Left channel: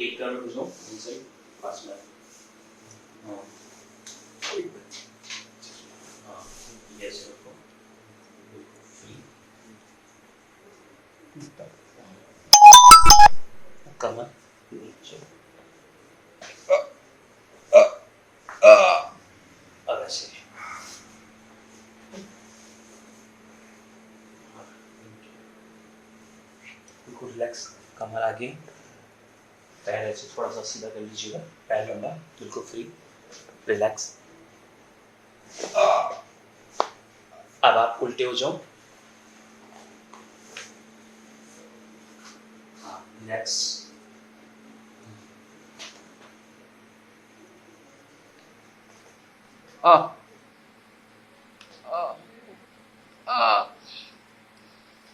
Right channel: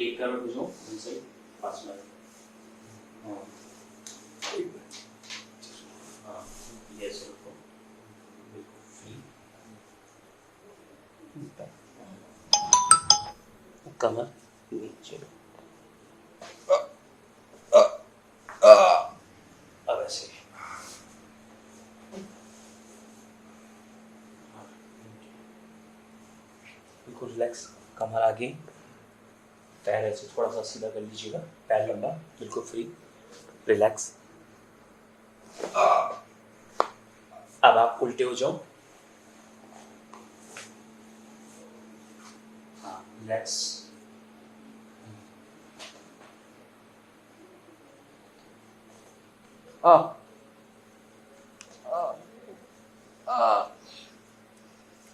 एक कर दो इनसाइड पास में हाँ हाँ यस रखो बिल्कुल फ्री कमर नीचे अब ऐसे बिल्कुल रिलैक्स कमर आगे पैर ऐसे थोड़ा सा सीधा कर लीजिएगा पैर लंबा बिल्कुल फ्री रिलैक्स अब आप उल्टे हो जाओ हाँ रिलैक्स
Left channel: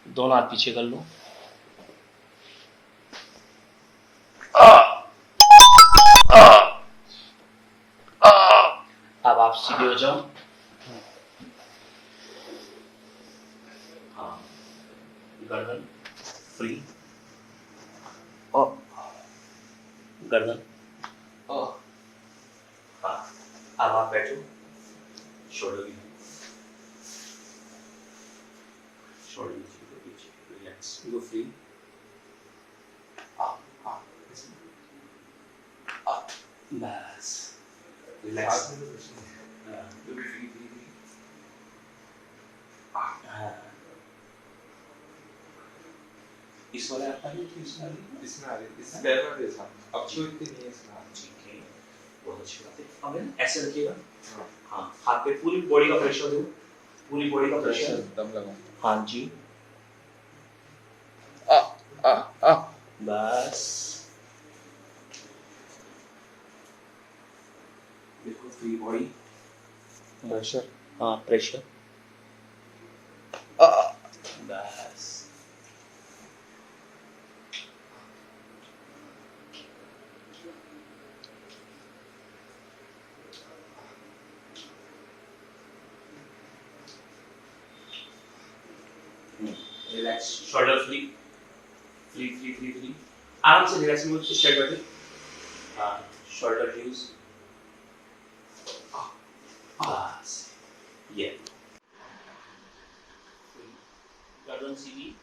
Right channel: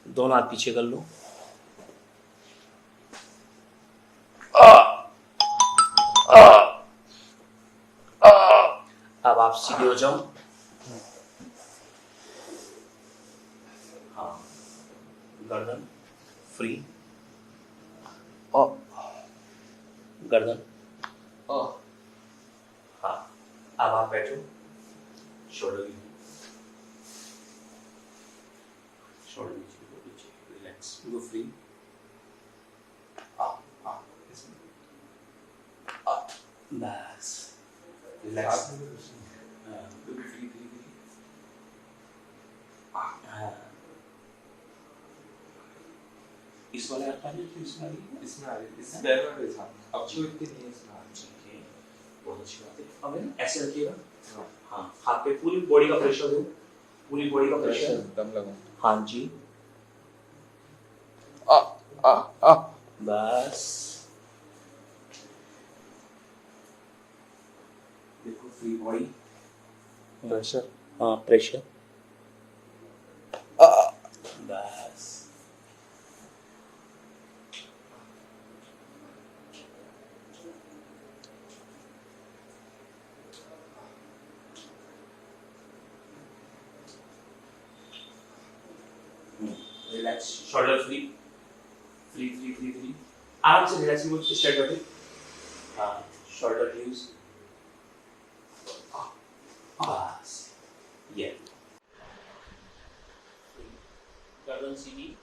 दोनों हाथ पीछे कर लो अब आप सीधे हो जाओ हाँ गर्दन फ्री गर्दन हाँ अब आप बैठो शोल्डर भी शोल्डर नीचे रिलैक्स गो फ्री बस रिलैक्स फ्री फ्री फ्री इस वाले आप आ रही है इसमें आ रही है इसमें पैर में रेसा अब जो इतनी नहीं है इसमें ठीक है बहुत अच्छी बात है अब है ना ऐसे रखिएगा हाँ हाथ पे पूरी बॉडी का प्रेशर दो पूरी बॉडी का प्रेशर दम लगाओ हाँ जी बस बिल्कुल फ्री बॉडी प्रेशर हाँ प्रेशर बस relax shoulder free free free free free आराम से रिलैक्स में स्ट्रेट बैठे हाँ शोल्डर यूज बस ये गर्दन सीधी